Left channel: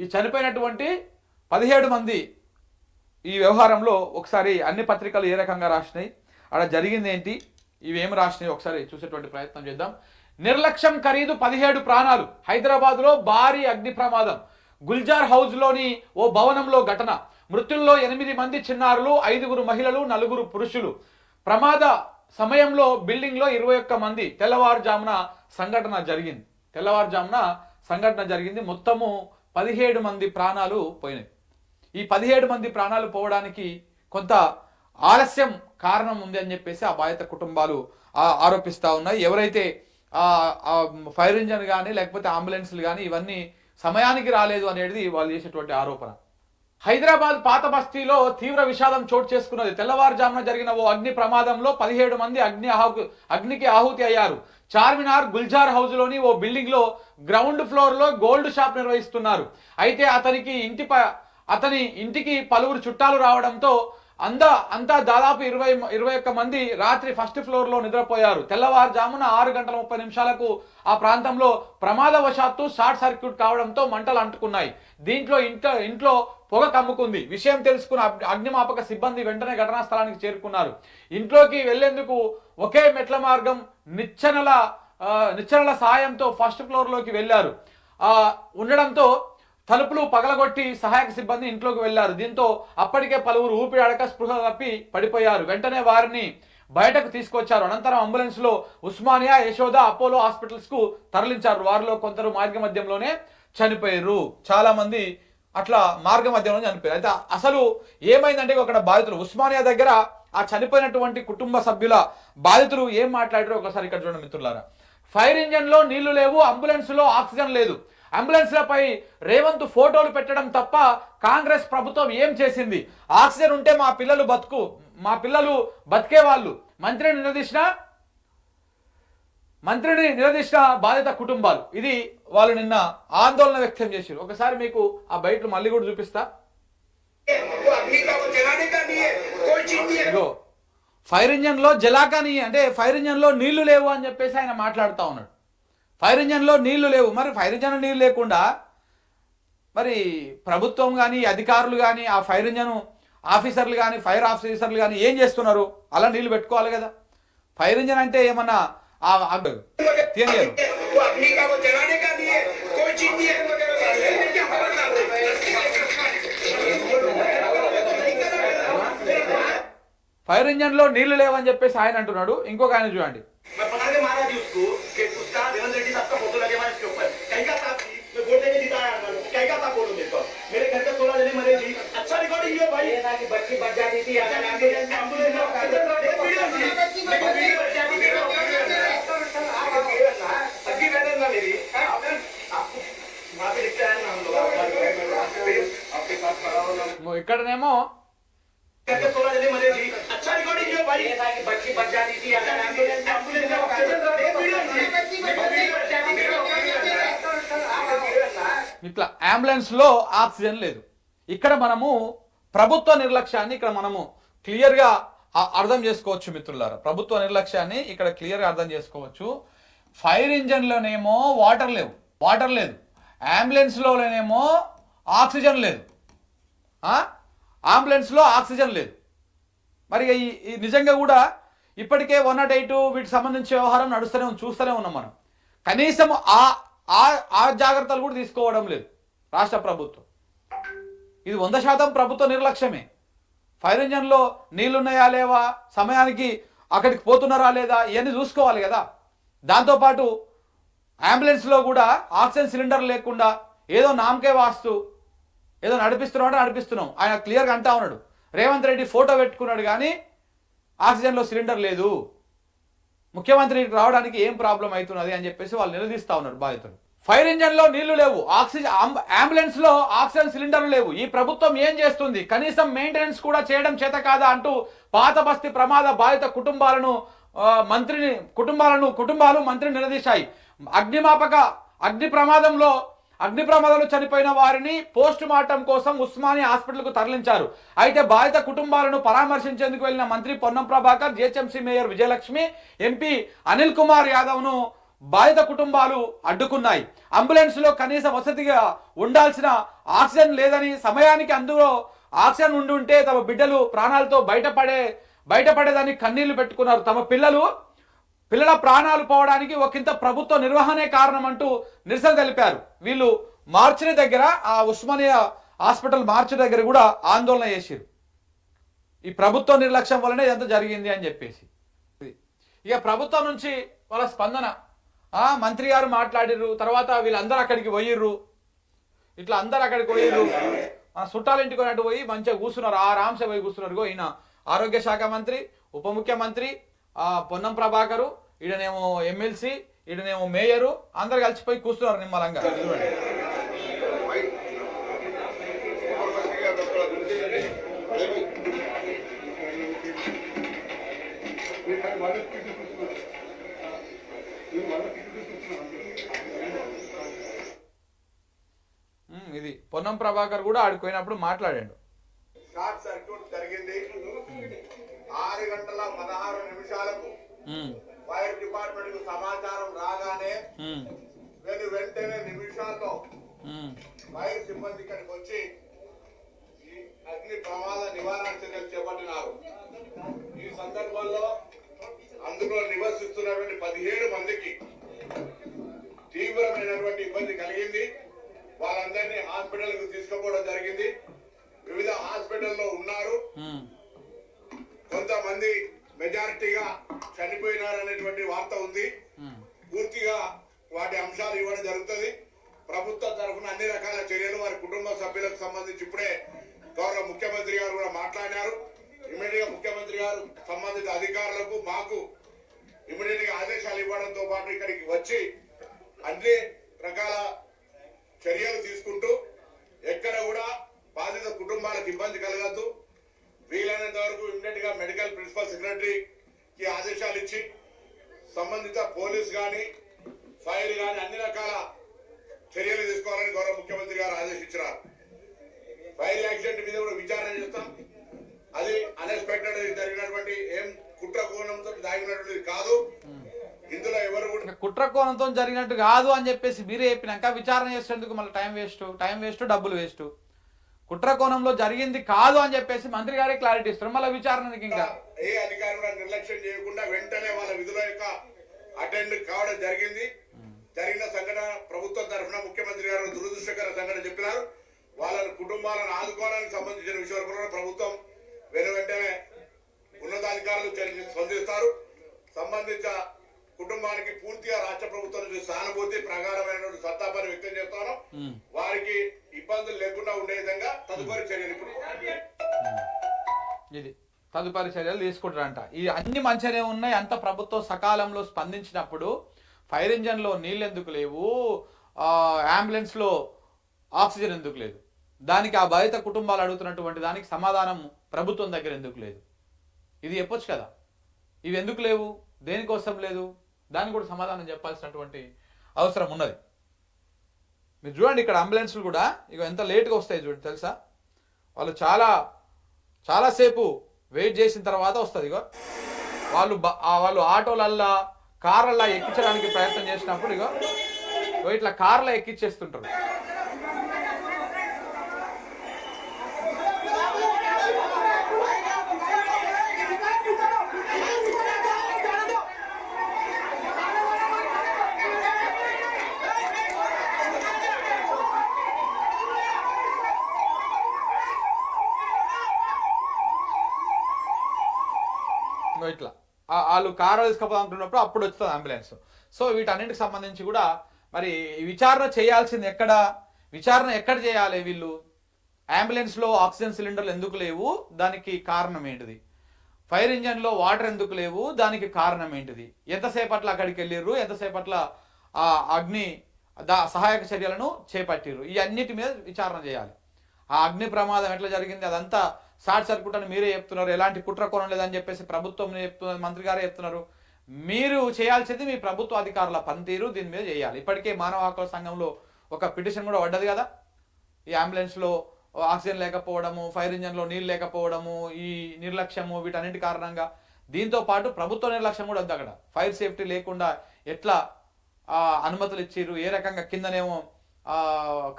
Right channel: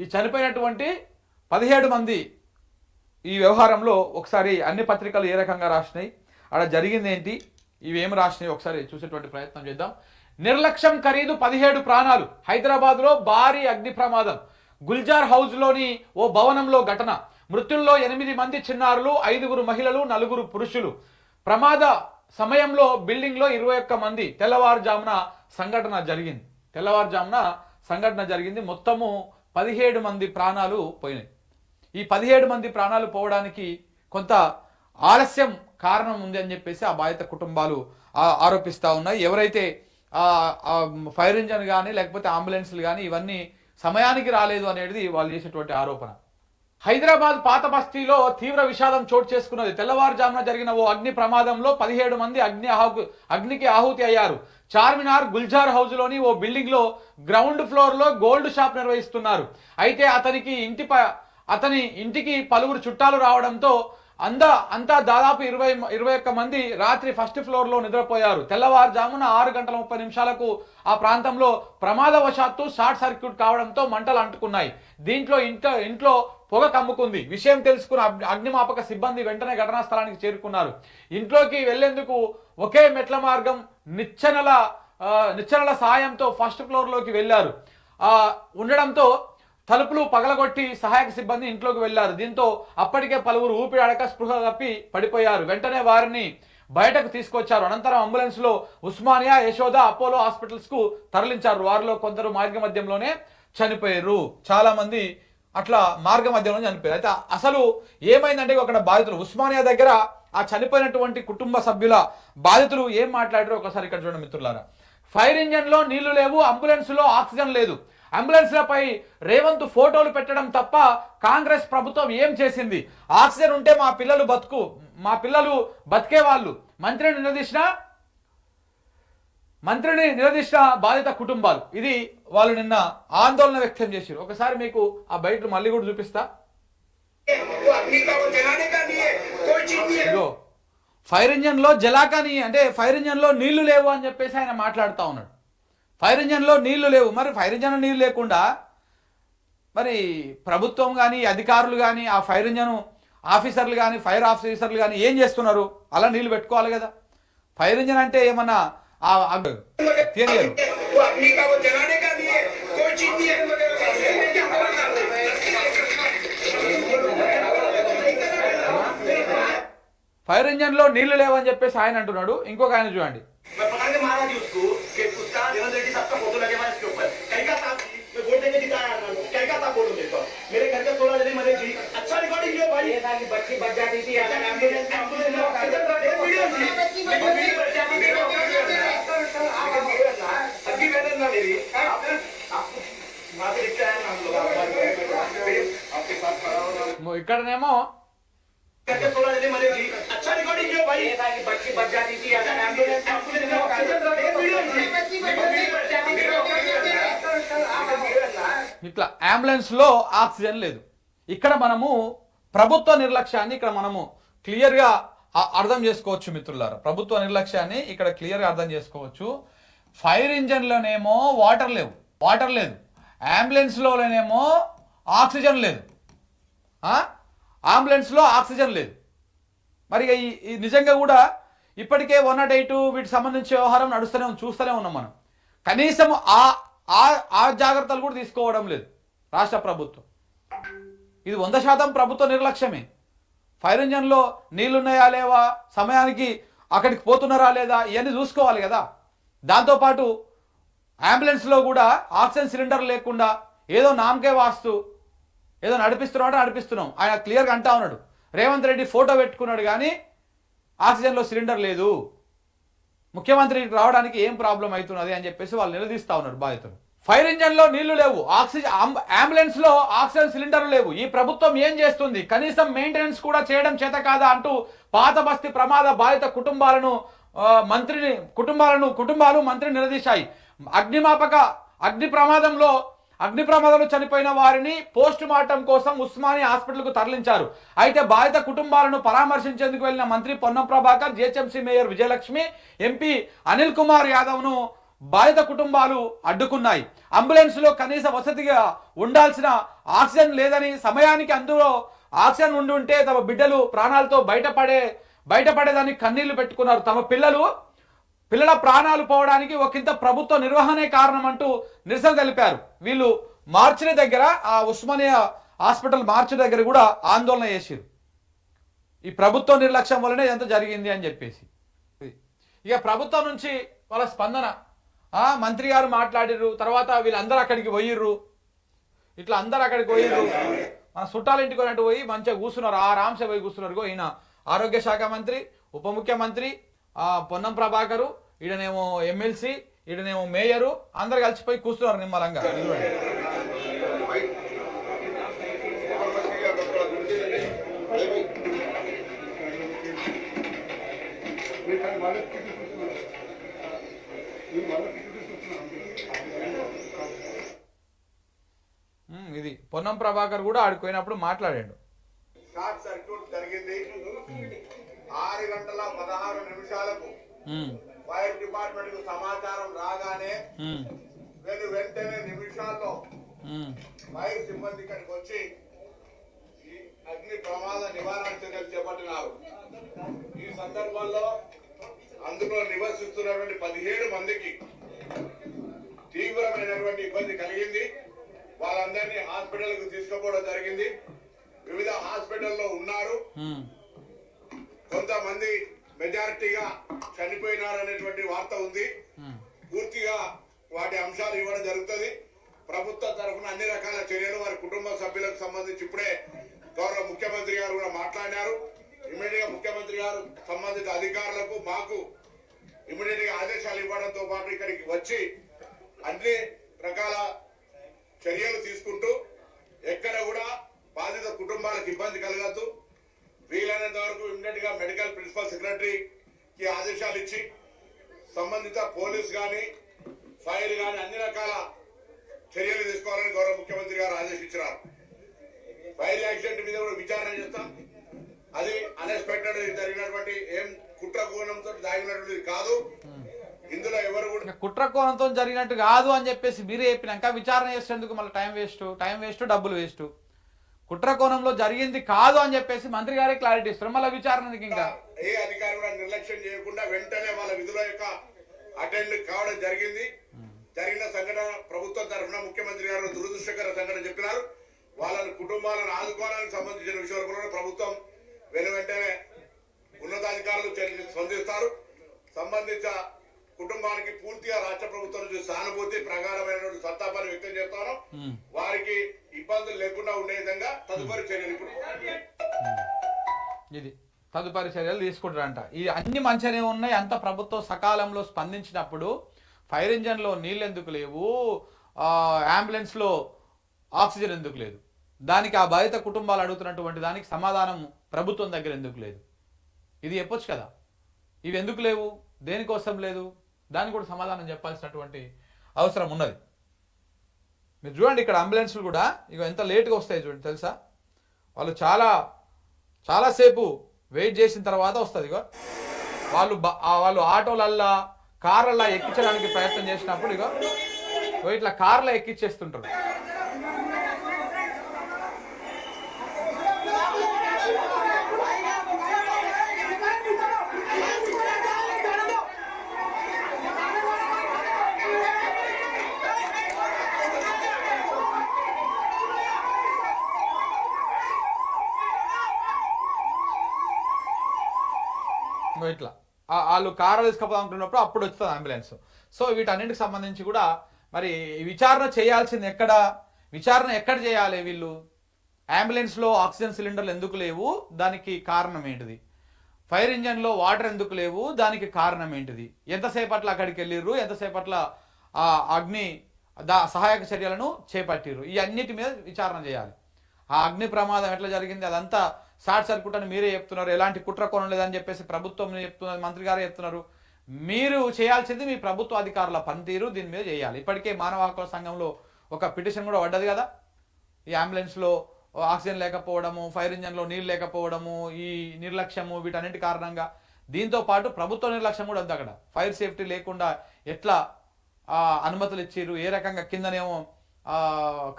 ఈ చనిపోయినటువంటి 17 మంది ఈ వ్యవహారంలో ఒకసారి అన్ని పత్రికలు ఏ రకంగా రాసినాయి, అక్కడ జరిగింది ఏంటి, ఇవేమి రాసినాయి ఒకసారి చూసేటువంటి ప్రయత్నం చేద్దాం. నిర్లక్ష్యం ఖరీదు 17 ప్రాణాలు. హైదరాబాద్లో భారీ అగ్ని ప్రమాదం. గుల్జార్ హౌస్లోని ఓ భవనంలో ఘటన. మృతుల్లో 8 మంది చిన్నారులు, 5 మహిళలు, 4 పురుషులు. ప్రమాద సమయంలో బిల్డింగ్లో 21 మంది. తెల్లవారుజామున సంఘటన జరిగింది. మొత్తము 17 మంది ప్రాణాలు పోయినాయి. ఈ 17 మంది ప్రాణాలు పోవడానికి కొంత ఆలస్యం కారణం ఉంది అని చెప్పేసి ఆ బాధిత కుటుంబాలు ఆరోపిస్తూ ఉన్నాయి. ఎవరైతే ఫైర్ ఇంజన్ కానీ లేకపోతే అంబులెన్స్లు కానీ ఇవన్నీ సమయానికి రాలేదు అనేది వాళ్ళు చేసేటువంటి ఆరోపణ. హైదరాబాద్ పాత బస్తీలో తీవ్ర విషాదం చోటు చేసుకున్నది. తెల్లవారుజామున జరిగిన ఓ అగ్ని ప్రమాదంలో 17 మంది అగ్నికి ఆహుతి అయ్యారు. చార్మినార్ గుల్జార్ హౌస్లోని ఓ బిల్డింగ్లో గ్రౌండ్ ఫ్లోర్లో గోల్డ్ షాప్ నిర్వహిస్తున్నారు. అయితే అతని ఇంటికి పలువురు చుట్టాలు రావడంతో అంతా దాదాపు 21 మంది రాత్రి ఫస్ట్ ఫ్లోర్లో నిద్రపోయారు. తెల్లవారుజామున 6:30 ఆ ప్రాంతంలో ప్రమాదవశాత్తు షార్ట్ సర్క్యూట్ కావడంతో మంటలు అంటుకున్నాయి. దీంట్లో ఇంట్లో పొగ కమ్ముకుంది. విషయం తెలుసుకున్న అగ్నిమాపక సిబ్బంది వెంటనే ఘటనా స్థలానికి చేరుకున్నారు. ఇంట్లోకి వెళ్లేందుకు ఒకే మెట్ల మార్గం నిచ్చెనల సాయంతో ఫస్ట్ ఫ్లోర్లోకి వెళ్లారు. ఉండడంతో తలుపులు పగలగొట్టి సహాయక సిబ్బంది ఇంట్లోకి వెళ్లారు. దీంతో అప్పటికే పలువురు ఊపిరాడక స్పృహ తప్పి పడిపోయారు. వెంటనే వారిని బయటకు తీసుకొచ్చారు. అనంతరం అంబులెన్స్ లో ఉస్మానియా, యశోద, అపోలో హాస్పిటల్స్ కు తరలించారు. వారిలో కొందరు మార్గ మధ్యంలోనే చనిపోయారు. చాలా మంది అట్లా మార్గ మధ్యంలో చనిపోయారు. అయితే అసలు ఏమైందంటే అక్కడ బాధితులు ఉస్మానియా దగ్గర ఆ చనిపోయినటువంటి కుటుంబ సభ్యుల బాధితులు ఏం మాట్లాడారో ఒకసారి ఇక్కడ చూడండి మిత్రులారా. ఫైర్ ఇంజన్ లో నీళ్లు లేవు, అంబులెన్స్ లో ఆక్సిజన్ లేదు. అంబులెన్స్లపై రేవంత్ ఫోటోలు పెట్టడం తప్ప కాంగ్రెస్ ప్రభుత్వం ఏం చేసింది? ఆక్సిజన్ ఉంటే మా పిల్లలు బతికేవాళ్ళు. మంత్రిని నిలదీసిన బాధిత కుటుంబాలు. ఇది వాళ్ళు నిన్న ఆందోళన వ్యక్తం చేశారు. ఒకసారి మీకు ఆ బయట మళ్ళీ కూడా చూపిస్తా. ఫైర్ ఇంజన్ లో జలాకాని అంటే ఫైర్ ఇంజన్ లో నీళ్లు లేవు అని చెప్పేసి ఆయన మాట్లాడుతూ ఉన్నాడు. ఫైర్ ఇంజన్లో నీళ్లు లేవు. మరి ఫైర్ ఇంజన్ నీళ్ళు లేకుండా మరి ప్రభుత్వం కానీ అధికారులు కానీ ఆ ఫైర్ ఇంజన్ ఆఫీసర్లు కానీ ఫైర్ ఆఫీసర్లు కానీ ఏం చేస్తున్నారు? అలా నీళ్లు పెట్టుకోవాలి కదా. ఫైర్ ఇంజన్ అంటే ఏమన్నా తెలియదు. ఫైర్ ఇంజన్లో నీళ్లు లేవని చెప్పేసి ఆయన అంటున్నాడు. ఇంకొక ఆయన చూడండి. ఇక్కడనేమో ఇట్లా అంబులెన్స్ లో ఆక్సిజన్ లేదు. ఇక్కడ మనము ప్రభుత్వ నిర్లక్ష్యాన్ని ఇక్కడ మనము క్లియర్ గా అర్థం చేసుకోవచ్చు మిత్రులారా. ప్రభుత్వ నిర్లక్ష్యాన్ని ఇక్కడ క్లియర్ గా అర్థం చేసుకోవచ్చు. ఫైర్ ఇంజన్ లోనేమో వాటర్ లేదు, అంబులెన్స్ లోనేమో ఆక్సిజన్ లేదు. అంబులెన్స్ లో ఆక్సిజన్ లేదు. మరి ఈ నిజంగా కూడా ఇప్పటికే 108 వీటికి సంబంధించిన వ్యవహారం చూస్తూనే ఉన్నాం మనం. కనీసం ఆ జాగ్రత్తలు కూడా తీసుకోవడం లేదు రాష్ట్ర ప్రభుత్వం. ఇది 100% ప్రభుత్వ నిర్లక్ష్యమే. ఫైర్ ఇంజన్లో నీళ్లున్నాయా లేవా, సమయానికి అక్కడికి పోతున్నారా లేదా, ఇవన్నీ చూసుకోవాలి కదా. దాంతోపాటు అంబులెన్స్లో కూడా ఆక్సిజన్ సిలిండర్ లేకుండా ఏదో నామకే వాస్తు ఏదో నడిపిస్తున్నాం. ఆయన క్లియర్గా అంటా ఉన్నాడు. రేవంత్ రెడ్డి ఫోటో పెట్టుకున్నాడు కానీ ఆక్సిజన్లో సిలిండర్ లేదు. ముఖ్యమంత్రికి రావడానికి ఏం ప్రాబ్లం అవుతున్నది అని చెప్పేసి వాళ్ళు నిలదీస్తా ఉన్నారు బాధితులు. ఫైర్ ఇంజన్లో నీళ్లు లేవు, అంబులెన్స్ లో ఆక్సిజన్ సిలిండర్లు లేవు. ఈ ప్రభుత్వం ఏం చేస్తుంది? కనీసం మెయింటెనెన్స్ కూడా చేయడం చేత కాదా అంటూ పాత బస్తీ ప్రమాద బాధిత కుటుంబాలు మంత్రిని నిలదీశాయి. అగ్ని ప్రమాదంలో చనిపోయిన వారిని పోస్ట్ మార్టం కోసం ఉస్మానియా హాస్పిటల్కు తరలించారు. అయితే బాధిత కుటుంబాలను పరామర్శించేందుకు వెళ్లిన మంత్రి Ponnam Prabhakar, GHMC mayor Vijayalakshmi, MP Anil Kumar యాదవ్ను బాధిత కుటుంబాలు అడ్డుకున్నాయి. అంబులెన్స్ లో కనీస వసతిగా ఉండాల్సిన ఆక్సిజన్ లేదని సమయానికి అందులో ఆక్సిజన్ ఉండి ఉంటే తమ బిడ్డలు ప్రాణాలతో బయటపడేదానికి కన్నీళ్లు పెట్టుకున్నారు. తమ పిల్లల ప్రాణాలు పోవడానికి ఒకంత ప్రభుత్వ నిర్వహణే కారణం అంటూ నిరసన తెలిపారు. వీళ్ళు మార్చిరి దగ్గర ఆ ఉస్మానియా హాస్పిటల్ మార్చిరి దగ్గర కూడా ఆందోళన చేసిరు. ఈ ప్రభుత్వ నిర్లక్ష్యం వల్లనే ఎంత జరిగింది అని చెప్పేసి. ఇక ప్రభుత్వం నుంచి వాళ్ళ స్పందన, మంత్రి గారు మాట్లాడిర్రు, తర్వాత వీళ్ళందరూ అక్కడికి పోయిర్రు, ఇట్లా అందరు అక్కడికి పోయిర్రు, మన చుట్టాల ఇంటికి అటు పోయి మంచిగా కూర్చున్నారు, ఆరాంసే పోయి కూర్చున్నారు. ఈయన ఆరోగ్య శాఖ మంత్రి, ఉప ముఖ్యమంత్రి పొన్నం ప్రభాకరు, ఈడనేమో ఎమ్మెల్సీ, ఈడనేమో మేయరు, అందరు కలిసిపోయి కూర్చున్నారు నిమ్మలంగా. ఇది పొన్నం ప్రభాకర్ కూడా ఆడిపోయినప్పుడు మాట్లాడాడు. షార్ట్ సర్క్యూట్ జరిగింది. 6:16 ఫైర్ డిపార్ట్మెంట్ కు సమాచారం రాగానే వెంటనే నిమిషాల్లో ఫైర్ సిబ్బంది ఇక్కడికి వచ్చి ఈ అగ్ని ప్రమాద నివారణ చర్యలు చేపట్టినారు. ఈ సందర్భంలో అందులో నివసిస్తున్నటువంటి 17 మందికి తీవ్రమైనటువంటి ఇబ్బంది కలిగింది. వాళ్ళందరినీ హాస్పిటల్ కు తీసుకుపోవడం జరిగింది. వివిధ హాస్పిటల్లో ఉన్నారు. కొంతమంది మెజారిటీగా చనిపోయినారనేటువంటి వార్త ఉంది. పూర్తిగా వాటి అంశాలు ఇవ్వడం జరుగుతుంది. ప్రభుత్వ తరఫున అన్ని రకాల చర్యలు వారి కుటుంబ సభ్యులకు సంబంధించి ఇప్పుడే గౌరవ ముఖ్యమంత్రి గారు కూడా మాట్లాడినారు. ఇమ్మీడియట్ గా ముఖ్యమంత్రి గారు సంబంధిత అధికారులకు మాకు ఇమ్మీడియట్ గా ఆదేశాలు ఇవ్వడంతో పాటు ఇక్కడికి వచ్చి అన్ని రకాల చర్యలు తీసుకుంటూ ఎక్కడ కూడా బాధిత కుటుంబాలకు ఇబ్బంది కలగద్దు, వీలైనంత వరకు ఇమ్మీడియట్ గా మెడికల్ ప్రిన్సిపల్ సెక్రటరీకి ఆదేశాలు ఇచ్చి సంబంధిత పోలీస్ గాని ఫైర్ గాని అన్ని రకాల చర్యలు తీసుకోవాలని గౌరవ ముఖ్యమంత్రి గారు ఆదేశించారు. ఫైర్ యాక్సిడెంట్ మీద కూడా విచారణ చేస్తాం. అది అన్ఎక్స్పెక్టెడ్ జరిగినటువంటి ఏం కుట్ర కోణంతో దాగినటువంటిది కాదు. ఇందులో ఎవరు కూడా కుట్ర కోణంతో జరిగినట్టు కాదు అని చెప్పేసి మీరే చెప్పినాక విచారణ చేసేందుకు మళ్ళీ టైం వేస్ట్, డబ్బులు వేస్ట్. కుట్ర కోణంలో జరిగింది కాదు అని చెప్పేసి మంత్రి గారే క్లారిటీ ఇస్తారు. మళ్ళీ విచారణకి ఇంకా ఏ అధికారి కూడా నిర్లక్ష్యం చేయకుండా వెంటనే వాళ్ళ విధుల యొక్క అటెండ్ కావడం జరిగింది. జరిగిన సంఘటన ప్రభుత్వం తరఫున ముఖ్యమంత్రి గారు దురదృష్టకర సంఘటన చెప్పినారు. వాళ్ళని కుటుంబాలను ఆదుకోవడానికి సంబంధించిన విషయాలు కూడా ప్రభుత్వం వెంటనే ఉన్నతాధికారులు స్పందిస్తారు. సంబంధించిన కుటుంబానికి పూర్తిగా రాష్ట్ర ప్రభుత్వం నుంచి సానుభూతి ప్రగాఢమైనటువంటి సంతాపాన్ని వ్యక్తం చేస్తాను. వారికి ఇబ్బందులు లేకుండా ఉండే విధంగా తదుపరి చర్యలు ఇది తదుపరి చర్యలు తీసుకుంటారంట. ఈ అన్ని మంచిగానే ఉన్నాయి. అంత ప్రభుత్వం సకాలంలో స్పందించినప్పుడు ఫైర్ ఇంజన్లో నీళ్ళు ఎందుకు లేవు, అంబులెన్స్లో ఆక్సిజన్ ఎందుకు లేదు, దానికి ఆ బాధిత కుటుంబాలు అడుగుతున్నటువంటి దానికి సమాధానం ప్రభుత్వం దగ్గర ఎందుకు లేదు? ఇది చెప్పొచ్చు కదా. ఇవి ఎందుకు లేవు, దేనికోసం లేదు, దానికి కూడా సమాధానం చెప్పాల్సినటువంటి అవసరం ఉన్నది. మీరు చూడండి ఇక్కడ అంబులెన్స్లు కూడా ఇక ఎంత లేట్గా వస్తాయి చూడండి, తెలుసా? వాళ్ళు చాలాసేపు వెయిట్ చేసిన తర్వాత వస్తుంది. ఇగో వాళ్ళు ఆటోలల్లా కార్లల్లా ఎక్కించడానికి ప్రయత్నం చేసినప్పుడు ఇగో ఇట్లా కార్లో ఎక్కించేస్తుంటారు. ఇట్లా వాళ్ళు కారు తీసుకుపోదామనుకున్నప్పుడు అప్పుడు వస్తుంది అంబులెన్స్. సో వీటన్నిటికి సంబంధించి కూడా మరి విచారణ చేయాల్సింది విచారణ ఎక్కడ చేయాలి? వీళ్ళు అంబులెన్స్లో ఆక్సిజన్ సిలిండర్లు ఎందుకు లేవు, దానికి కారణం ఏంటిది? ఫైర్ ఇంజన్లో వాటర్ ఎందుకు లేవు, దానికి కారణం ఏంటిది? ఎంతసేపట్ల అక్కడికి వెళ్ళిర్రు, ఎంతసేపట్ల అగ్ని సహాయక చర్యలను చేపట్టిర్రు, ఈ అన్నిటి మీద విచారణ చేయాలి. ఆ అగ్ని ప్రమాదం ఎట్లా జరిగింది అదంతా షార్ట్ సర్క్యూట్ అని మీరే చెప్తున్నారు. ఎలాంటి కుట్ర కోణం లేదని చెప్పేసి ప్రభుత్వం చెప్తున్నారు, మంత్రి గారే చెప్తున్నారు. మీరు చేయాల్సింది మీ ప్రభుత్వ అధికారుల పనితీరు దీని మీద చేయాలి. ఇప్పటికే మానవ హక్కుల సంఘంలో ఒక పిటిషన్ కూడా పడ్డది కదా. ఈ అంబులెన్స్లో ఆక్సిజన్ లేకపోవడము, ఫైర్ ఇంజన్లో నీళ్ళు లేకపోవడము, ఈ నిర్లక్ష్యము, వీటన్నిటి కారణంగా దీంతో పాటు ప్రభుత్వ నిర్లక్ష్యం కూడా ఉంది అక్కడ. ఫైర్ సేఫ్టీ లేకుండా ఎట్లా అనుమతులు ఇచ్చిర్రు, ఏ రకంగా కిందనేమో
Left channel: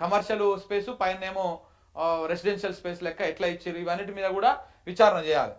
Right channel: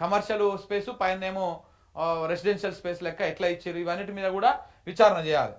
కమర్షియల్ స్పేస్ పైన ఏమో రెసిడెన్షియల్ స్పేస్ లెక్క ఎట్లా ఇచ్చారు, ఇవన్నిటి మీద కూడా విచారణ చేయాలి.